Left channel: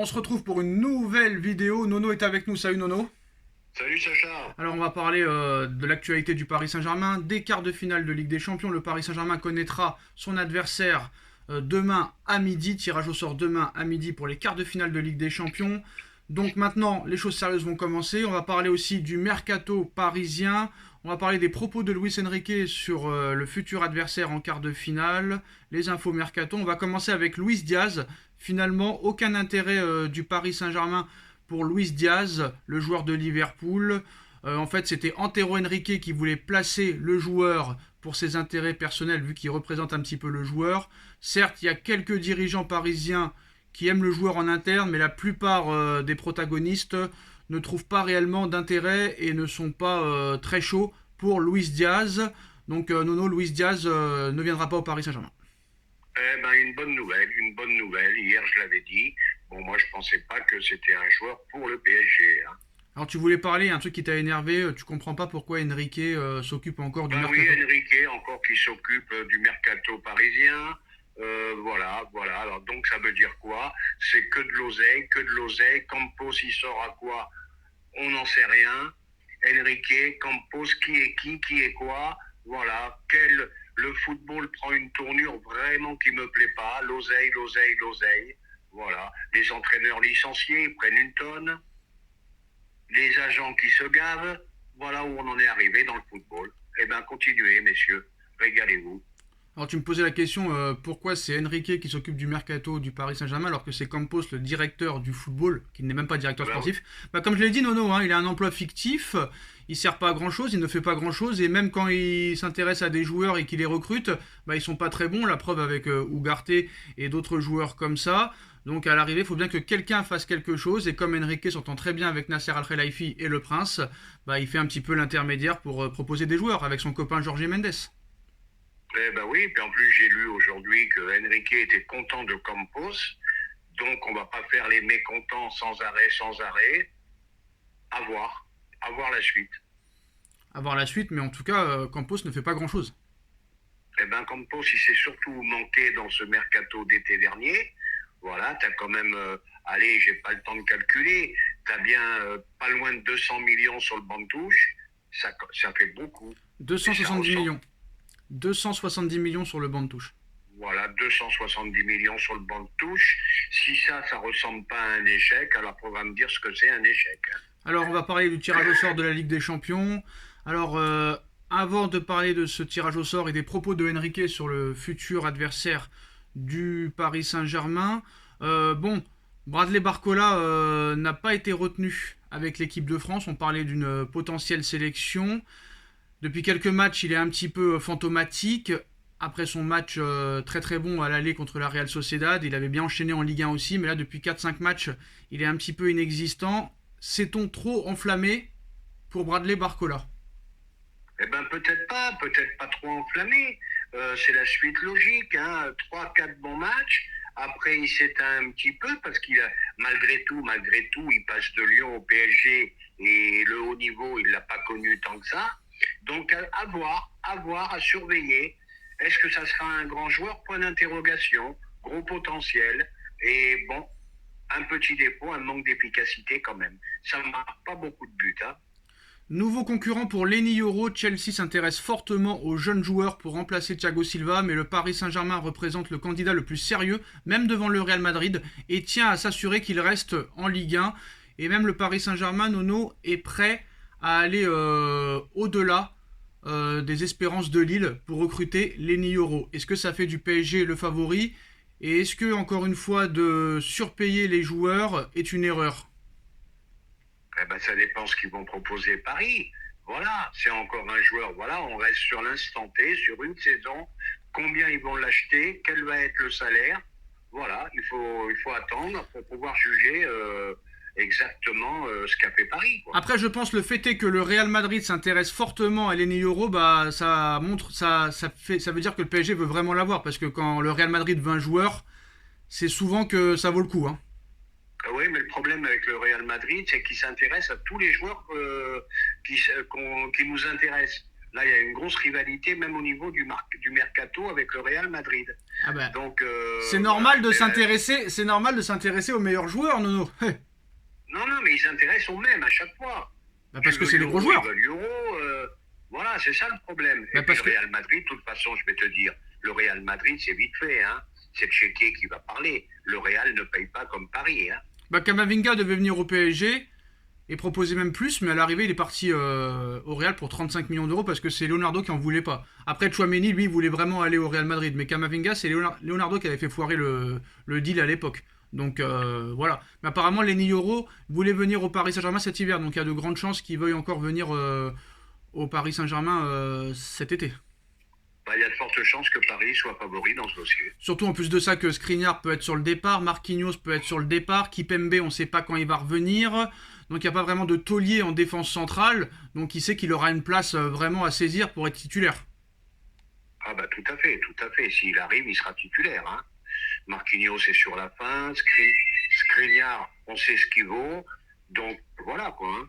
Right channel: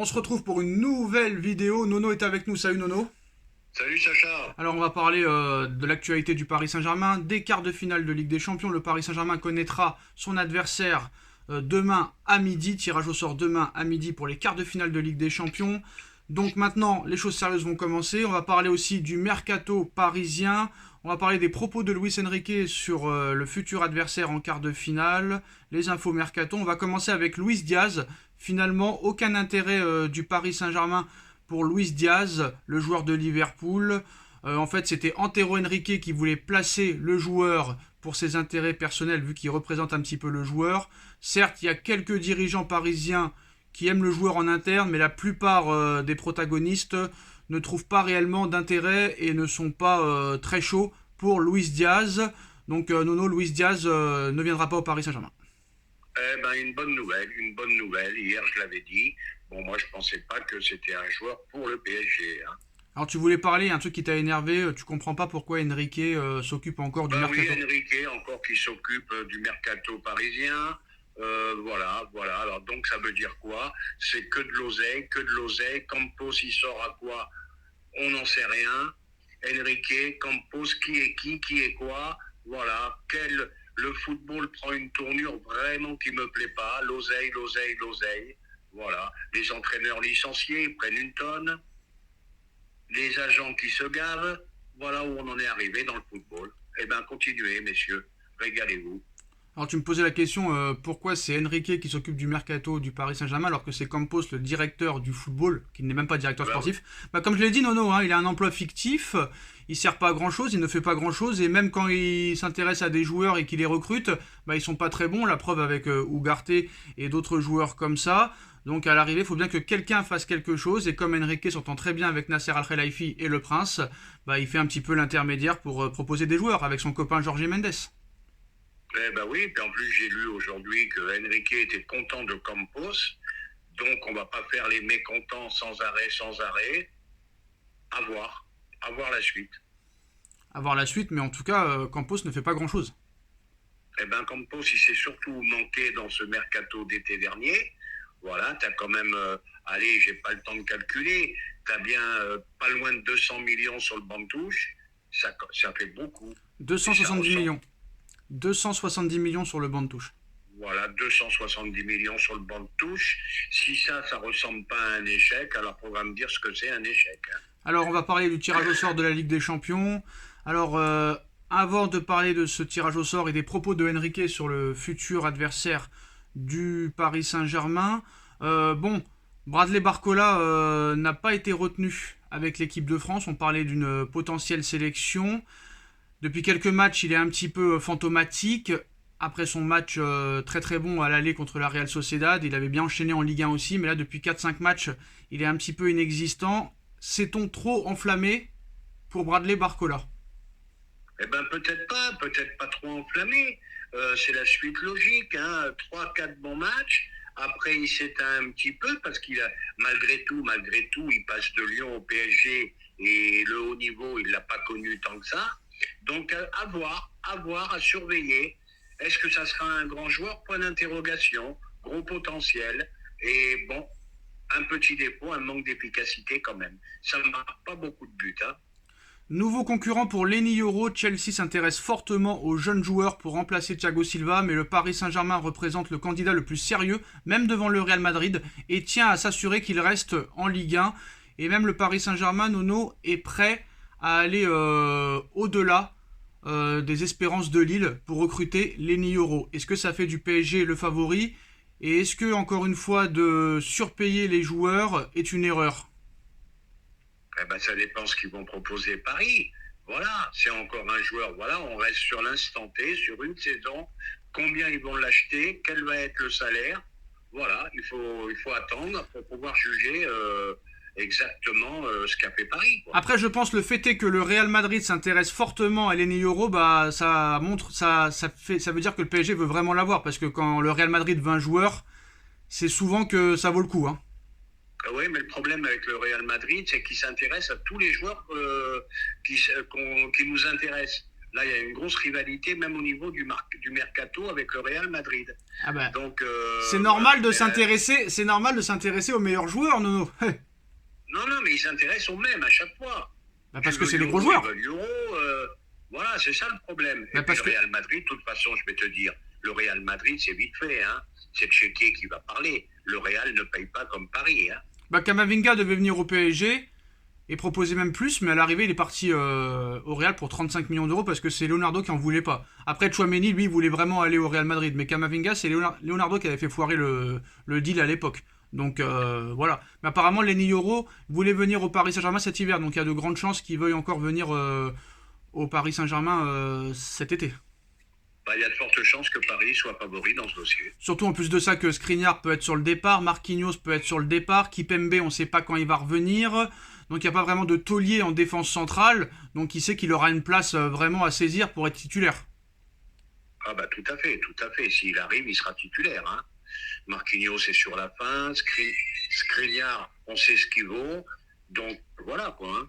On se retrouve pour une nouvelle vidéo. Nono est avec nous. Salut Nono. Salut Sacha. Alors on va parler de l'actualité du Paris Saint-Germain, des quarts de finale de Ligue des Champions. Le Paris Saint-Germain connaîtra son adversaire demain à midi. Tirage au sort demain à midi pour les quarts de finale de Ligue des Champions. Donc maintenant, les choses sérieuses vont commencer. On va parler aussi du mercato parisien. On va parler des propos de Luis Enrique sur le futur adversaire en quart de finale. Les infos mercato. On va commencer avec Luis Diaz. Finalement, aucun intérêt du Paris Saint-Germain pour Luis Diaz, le joueur de Liverpool. En fait, c'était Antero Henrique qui voulait placer le joueur pour ses intérêts personnels, vu qu'il représente un petit peu le joueur. Certes, il y a quelques dirigeants parisiens qui aiment le joueur en interne, mais la plupart des protagonistes ne trouvent pas réellement d'intérêt et ne sont pas très chauds pour Luis Diaz. Donc Nono, Luis Diaz ne viendra pas au Paris Saint-Germain. Eh ben, une bonne nouvelle, une bonne nouvelle. Hier, je l'avais dit. Bon, moi, je pensais pas que c'était un joueur pour le PSG. Hein. Alors tu voulais parler, un truc qui t'a énervé, tu comprends pas pourquoi Enrique s'occupe encore du mercato. Oui, Enrique, encore qui s'occupe du mercato parisien. Voilà. Alors, donc, ça veut dire quoi? C'est que de l'oseille, que de l'oseille. Campos, il sort à quoi? On n'en sait rien. Enrique, Campos, qui est quoi? Voilà. Le football prend une tournure vraiment qui me plaît pas. L'oseille. Voilà. Les entraîneurs licenciés, ils prennent une tonne. Les agents qui se gavent. Voilà où on en est arrivé dans le football. Eh bien, continuez, messieurs. Régalez-vous. Alors tu me posais la question pourquoi c'est Enrique qui s'occupe du mercato du Paris Saint-Germain alors que c'est Campos le directeur du football, qui n'est même pas directeur sportif. Oui. Bah, comme je l'ai dit Nono, hein, il a un emploi fictif, il sert pas à grand chose, il ne fait pas grand chose et même quand il s'intéresse à des joueurs et qu'il les recrute, bah, ils sont pas très bons, la preuve avec Ugarte et d'autres joueurs comme ça. Donc à l'arrivée, il faut bien que quelqu'un fasse quelque chose et comme Enrique s'entend très bien avec Nasser Al-Khelaifi et le Prince, bah, il fait un petit peu l'intermédiaire pour proposer des joueurs avec son copain Jorge Mendes. Eh ben oui, puis en plus j'ai lu aujourd'hui que Enrique était content de Campos, donc on va pas faire les mécontents sans arrêt. À voir la suite. À voir la suite, mais en tout cas, Campos ne fait pas grand-chose. Eh ben Campos, il s'est surtout manqué dans ce mercato d'été dernier. Voilà, t'as quand même, allez, j'ai pas le temps de calculer, t'as bien pas loin de 200 millions sur le banc de touche, ça fait beaucoup. 270 millions. 270 millions sur le banc de touche. Voilà, 270 millions sur le banc de touche. Si ça ressemble pas à un échec, alors on va me dire ce que c'est un échec. Hein. Alors, on va parler du tirage au sort de la Ligue des Champions. Alors, avant de parler de ce tirage au sort et des propos de Enrique sur le futur adversaire du Paris Saint-Germain, Bradley Barcola n'a pas été retenu avec l'équipe de France. On parlait d'une potentielle sélection. Depuis quelques matchs, il est un petit peu fantomatique. Après son match très très bon à l'aller contre la Real Sociedad, il avait bien enchaîné en Ligue 1 aussi, mais là depuis 4-5 matchs, il est un petit peu inexistant. S'est-on trop enflammé pour Bradley Barcola? Eh ben peut-être pas trop enflammé. C'est la suite logique, hein. 3-4 bons matchs. Après, il s'éteint un petit peu parce qu'il a, malgré tout, il passe de Lyon au PSG et le haut niveau, il l'a pas connu tant que ça. Donc, à voir, à surveiller. Est-ce que ça sera un grand joueur? Point d'interrogation. Gros potentiel. Et bon, un petit défaut, un manque d'efficacité quand même. Ça ne marque pas beaucoup de buts. Hein. Nouveau concurrent pour Lenny Yoro, Chelsea s'intéresse fortement aux jeunes joueurs pour remplacer Thiago Silva, mais le Paris Saint-Germain représente le candidat le plus sérieux, même devant le Real Madrid, et tient à s'assurer qu'il reste en Ligue 1. Et même le Paris Saint-Germain, Nono, est prêt à aller au-delà des espérances de Lille pour recruter Lenny Yoro. Est-ce que ça fait du PSG le favori? Et est-ce que, encore une fois, de surpayer les joueurs est une erreur? Eh ben, ça dépend ce qu'ils vont proposer Paris. Voilà, c'est encore un joueur. Voilà, on reste sur l'instant T, sur une saison. Combien ils vont l'acheter? Quel va être le salaire? Voilà, il faut attendre pour pouvoir juger exactement ce qu'a fait Paris. Quoi. Après, je pense le fait est que le Real Madrid s'intéresse fortement à Lenny Yoro, bah ça montre, ça veut dire que le PSG veut vraiment l'avoir parce que quand le Real Madrid veut un joueur, c'est souvent que ça vaut le coup. Hein. Oui, mais le problème avec le Real Madrid, c'est qu'il s'intéresse à tous les joueurs qui nous intéressent. Là, il y a une grosse rivalité, même au niveau du mercato avec le Real Madrid. Ah bah, Donc, c'est normal de s'intéresser, c'est normal de s'intéresser aux meilleurs joueurs, Nono. non, non, mais ils s'intéressent aux mêmes à chaque fois. Bah parce Tu que veux c'est les gros l'euro, joueurs. ils veulent l'euro. Voilà, c'est ça le problème. Bah Et puis parce le que Real Madrid, de toute façon, je vais te dire, le Real Madrid, c'est vite fait. Hein. C'est le chéquier qui va parler. Le Real ne paye pas comme Paris. Hein. bah, Camavinga devait venir au PSG et proposer même plus, mais à l'arrivée, il est parti au Real pour 35 millions d'euros parce que c'est Leonardo qui en voulait pas. Après, Tchouaméni, lui, voulait vraiment aller au Real Madrid, mais Camavinga, c'est Leonardo qui avait fait foirer le deal à l'époque. Donc voilà. Mais apparemment, Lenny Yoro voulait venir au Paris Saint-Germain cet hiver, donc il y a de grandes chances qu'il veuille encore venir au Paris Saint-Germain cet été. Bah, il y a de fortes chances que Paris soit favori dans ce dossier. Surtout en plus de ça que Skriniar peut être sur le départ, Marquinhos peut être sur le départ, Kipembe on ne sait pas quand il va revenir, donc il n'y a pas vraiment de taulier en défense centrale, donc il sait qu'il aura une place vraiment à saisir pour être titulaire. Ah bah tout à fait, tout à fait. S'il arrive, il sera titulaire. Hein. Marquinhos est sur la fin, Skriniar, on sait ce qu'il vaut, donc voilà quoi. Hein.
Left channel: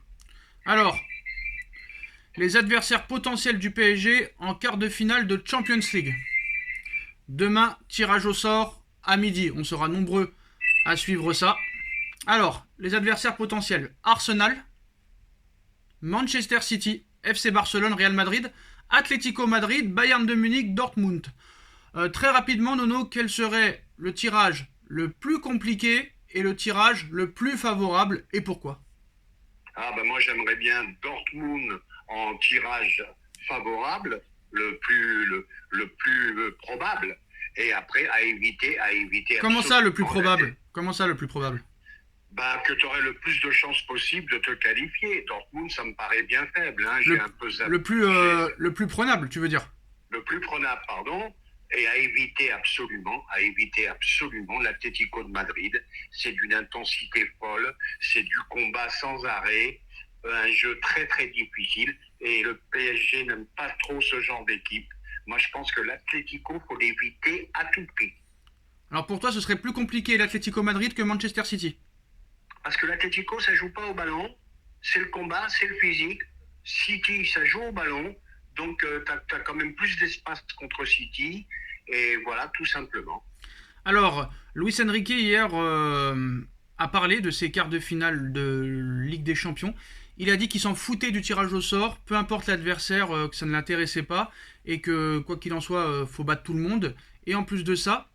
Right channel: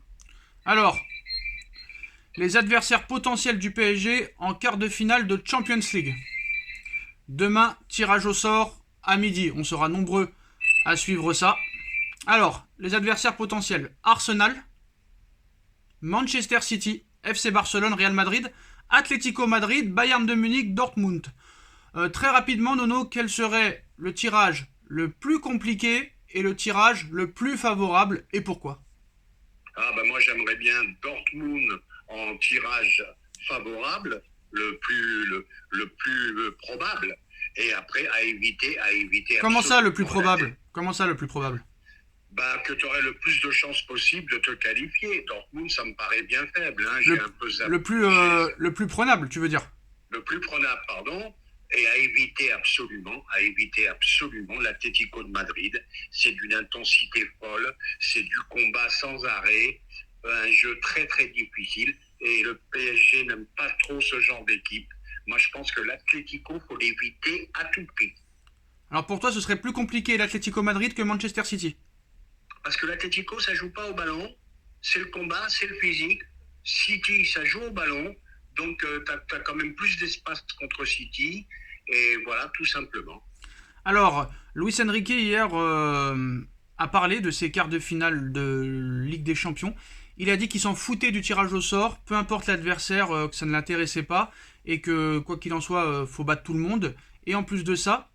Alors, les adversaires potentiels du PSG en quart de finale de Champions League. Demain, tirage au sort à midi. On sera nombreux à suivre ça. Alors, les adversaires potentiels. Arsenal, Manchester City, FC Barcelone, Real Madrid, Atlético Madrid, Bayern de Munich, Dortmund. Très rapidement, Nono, quel serait le tirage le plus compliqué et le tirage le plus favorable et pourquoi? Ah bah moi j'aimerais bien Dortmund en tirage favorable, le plus probable, et après à éviter Comment ça le plus absolument probable? Comment ça le plus probable? bah, que tu aurais le plus de chances possible de te qualifier. Dortmund, ça me paraît bien faible. Hein. J'ai le, un peu le plus prenable, tu veux dire? le plus prenable, pardon, et à éviter absolument l'Atlético de Madrid. C'est d'une intensité folle, c'est du combat sans arrêt, un jeu très très difficile, et le PSG n'aime pas trop ce genre d'équipe. Moi, je pense que l'Atlético, faut l'éviter à tout prix. Alors pour toi, ce serait plus compliqué l'Atlético Madrid que Manchester City? Parce que l'Atlético, ça joue pas au ballon, c'est le combat, c'est le physique. City, ça joue au ballon, donc tu as quand même plus d'espace contre City, et voilà, tout simplement. Alors, Luis Enrique hier a parlé de ses quarts de finale de Ligue des Champions. Il a dit qu'il s'en foutait du tirage au sort, peu importe l'adversaire, que ça ne l'intéressait pas, et que quoi qu'il en soit, faut battre tout le monde. Et en plus de ça,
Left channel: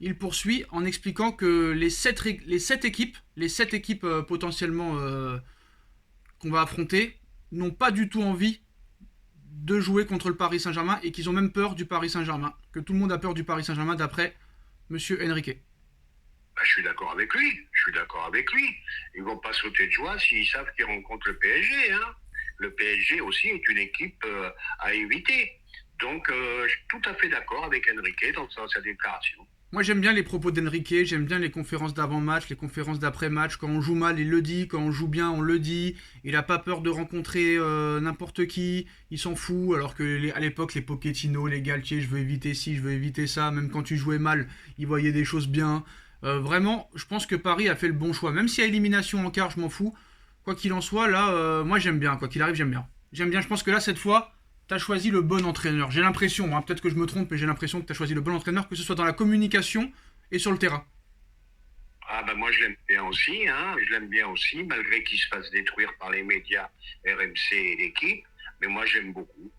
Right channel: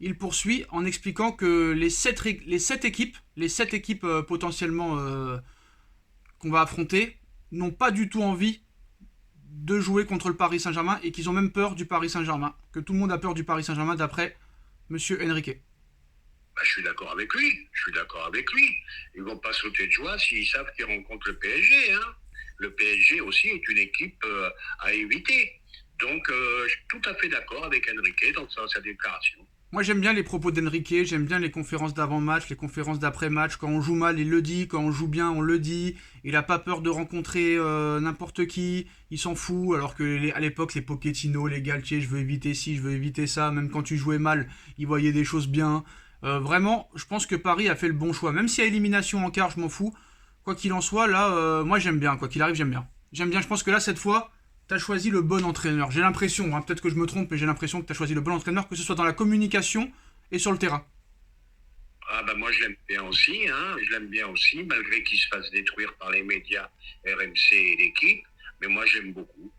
il poursuit en expliquant que les sept équipes potentiellement qu'on va affronter n'ont pas du tout envie de jouer contre le Paris Saint-Germain et qu'ils ont même peur du Paris Saint-Germain. Que tout le monde a peur du Paris Saint-Germain d'après Monsieur Enrique. Bah, je suis d'accord avec lui. Ils vont pas sauter de joie s'ils savent qu'ils rencontrent le PSG. Hein. Le PSG aussi est une équipe à éviter. Donc, je suis tout à fait d'accord avec Enrique dans sa déclaration. Moi j'aime bien les propos d'Enrique, j'aime bien les conférences d'avant-match, les conférences d'après-match. Quand on joue mal, il le dit, quand on joue bien, on le dit. Il n'a pas peur de rencontrer n'importe qui, il s'en fout. Alors que à l'époque, les Pochettino, les Galtier, je veux éviter ci, je veux éviter ça. Même quand tu jouais mal, il voyait des choses bien. Vraiment, je pense que Paris a fait le bon choix. Même s'il y a élimination en quart, je m'en fous. Quoi qu'il en soit, là, moi j'aime bien. Quoi qu'il arrive, j'aime bien. J'aime bien, je pense que là, cette fois, t'as choisi le bon entraîneur. J'ai l'impression, hein, peut-être que je me trompe, mais j'ai l'impression que t'as choisi le bon entraîneur, que ce soit dans la communication et sur le terrain. Ah bah moi je l'aime bien aussi, malgré qu'il se fasse détruire par les médias RMC et l'équipe, mais moi j'aime beaucoup.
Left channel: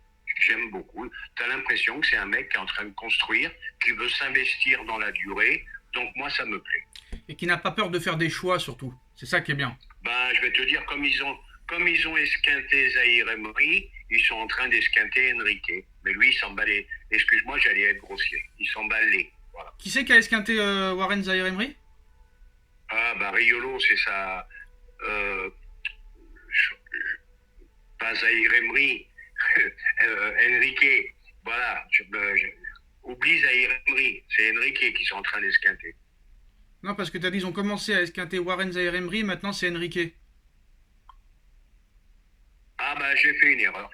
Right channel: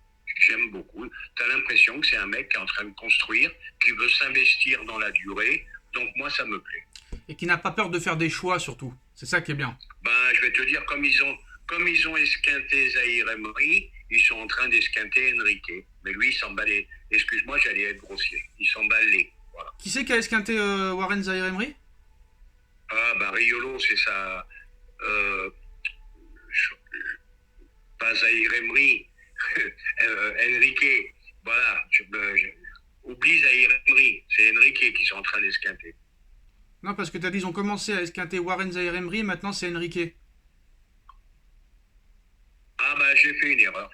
T'as l'impression que c'est un mec qui est en train de construire, qui veut s'investir dans la durée, donc moi ça me plaît. Et qui n'a pas peur de faire des choix surtout. C'est ça qui est bien. Bah je vais te dire, comme ils ont esquinté Zahir Emery, ils sont en train d'esquinter Enrique. Mais lui, il s'emballe. Excuse-moi, j'allais être grossier. Il s'emballe. Voilà. Qui c'est qui a esquinté Warren Zaïre-Emery? Ah, bah Riolo, c'est ça. Pas Zahir Emery. Enrique. Voilà. Oublie Zahir Emery. C'est Enrique qui sont en train d'esquinter. Non, parce que t'as dit ils ont commencé à esquinter Warren Zaïre-Emery, maintenant c'est Enrique. Ah bah j'ai fait une erreur.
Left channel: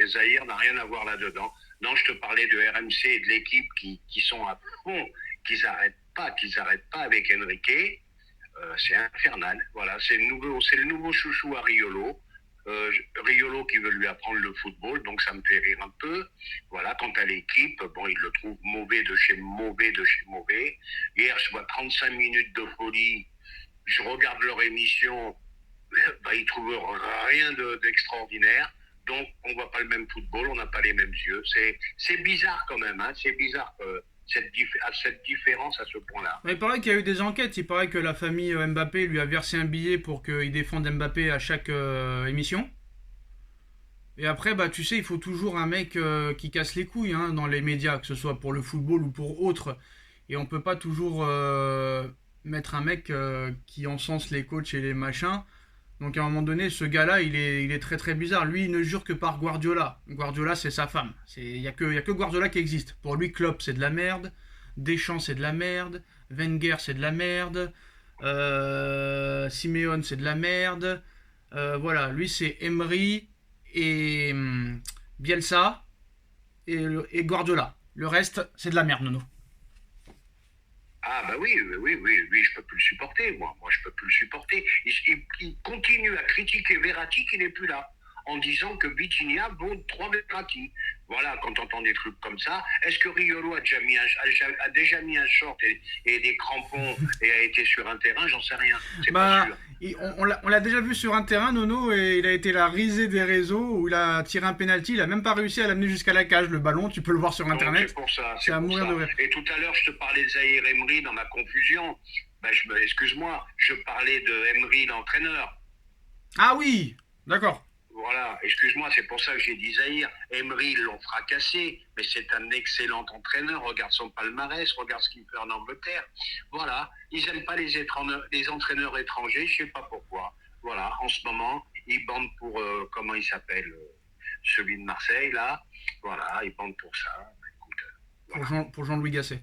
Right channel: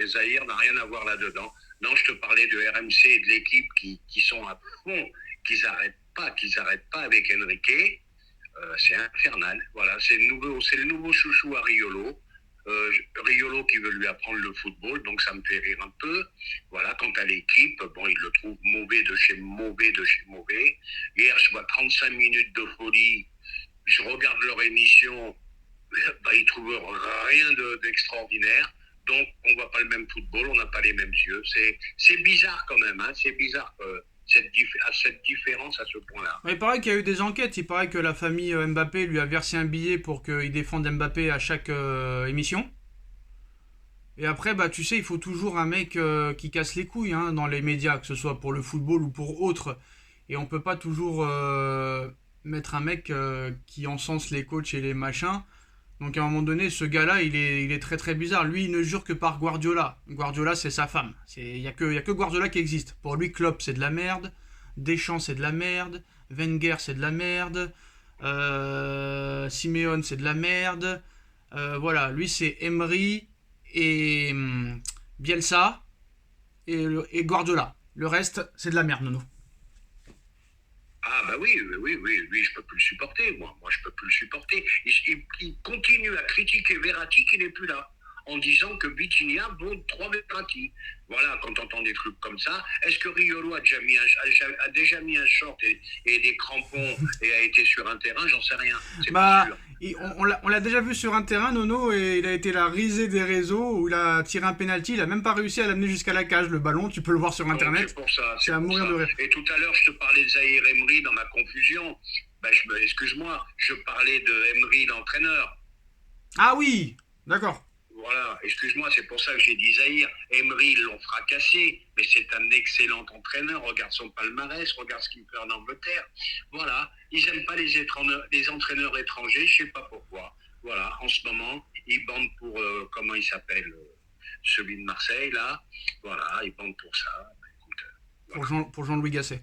Et Zahir n'a rien à voir là-dedans. Non, je te parlais de RMC et de l'équipe qui sont à fond, qu'ils n'arrêtent pas avec Enrique. C'est infernal. Voilà, c'est le nouveau chouchou à Riolo. Riolo qui veut lui apprendre le football, donc ça me fait rire un peu. Voilà, quant à l'équipe, bon, il le trouve mauvais de chez mauvais de chez mauvais. Hier, je vois 35 minutes de folie. Je regarde leur émission, bah, ils trouvent rien d'extraordinaire. Donc, on voit pas le même football, on n'a pas les mêmes yeux. C'est bizarre quand même, hein. C'est bizarre cette différence à ce point-là. Il paraît qu'il y a eu des enquêtes. Il paraît que la famille Mbappé lui a versé un billet pour qu'il défende Mbappé à chaque émission. Et après, bah, tu sais, il faut toujours un mec qui casse les couilles hein, dans les médias, que ce soit pour le football ou pour autre. Et on peut pas toujours mettre un mec qui encense les coachs et les machins. Donc à un moment donné, ce gars-là, il est très très bizarre. Lui, il ne jure que par Guardiola. Guardiola, c'est sa femme. Il n'y a que Guardiola qui existe. Pour lui, Klopp, c'est de la merde. Deschamps, c'est de la merde. Wenger, c'est de la merde. Simeone, c'est de la merde. Voilà, lui, c'est Emery et Bielsa et Guardiola. Le reste, c'est de la merde, Nono. Ah bah oui, oui, je peux plus le supporter, moi je peux plus le supporter. Il continue à critiquer Verratti qui n'est plus là, en disant que Vitinha vaut 3 Verratti. Voilà, quand on entend des trucs comme ça, est-ce que Riolo a déjà mis un short et des crampons et a été sur un terrain? J'en sais rien, c'est pas Bah, sûr. on l'a déjà vu sur un terrain, Nono, et il a été la risée des réseaux où il a tiré un penalty. Il a même pas réussi à l'amener jusqu'à la cage, le ballon. Tu peux le voir sur Donc internet. c'est pour ça, C'est c'est à pour mourir de ça. rire. Et tout à l'heure, je te parlais de Zahir Emery dans ma confusion. Bah, excuse-moi, je parlais de Emery, l'entraîneur. Ah oui, d'accord. Voilà, excuse-moi, c'est pour ça que j'ai dit Zahir. Emery, ils l'ont fracassé, mais c'est un excellent entraîneur. Regarde son palmarès, regarde ce qu'il fait en Angleterre. Voilà, ils n'aiment pas les entraîneurs étrangers, je ne sais pas pourquoi. Voilà, en ce moment, ils bandent pour, comment il s'appelle, celui de Marseille, là. Voilà, ils bandent pour ça. Bah, écoute, voilà. Pour Jean-Louis Gasset.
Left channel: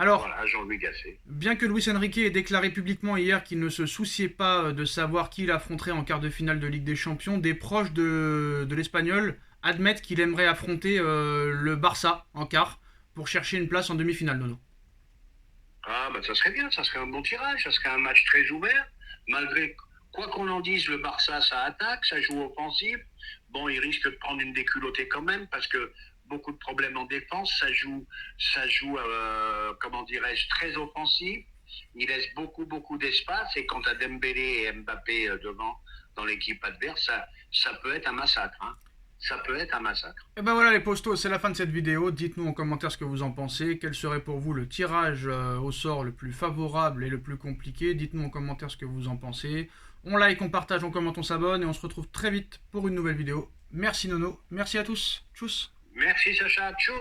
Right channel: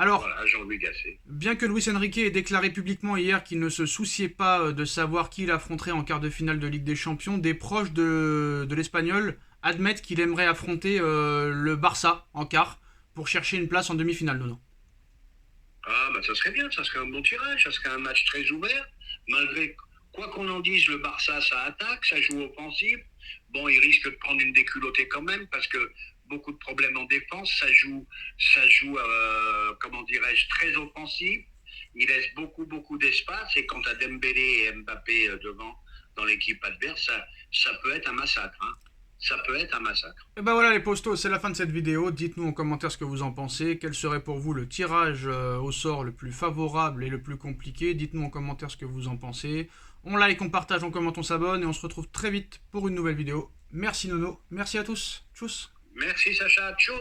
Alors, Voilà, Jean-Louis Gasset. bien que Luis Enrique ait déclaré publiquement hier qu'il ne se souciait pas de savoir qui il affronterait en quart de finale de Ligue des Champions, des proches de l'Espagnol admettent qu'il aimerait affronter le Barça en quart pour chercher une place en demi-finale, Nono. Ah, bah ça serait bien, ça serait un bon tirage, ça serait un match très ouvert. Malgré quoi qu'on en dise, le Barça, ça attaque, ça joue offensif. Bon, il risque de prendre une déculottée quand même parce que beaucoup de problèmes en défense, ça joue, comment dirais-je, très offensif. Il laisse beaucoup d'espace et quant à Dembélé et Mbappé devant dans l'équipe adverse, ça peut être un massacre. Hein. Ça peut être un massacre. Et ben voilà les postos, c'est la fin de cette vidéo. Dites-nous en commentaire ce que vous en pensez. Quel serait pour vous le tirage au sort le plus favorable et le plus compliqué? Dites-nous en commentaire ce que vous en pensez. On like, on partage, on commente, on s'abonne et on se retrouve très vite pour une nouvelle vidéo. Merci Nono, merci à tous. Tchuss. Merci Sacha, tchou.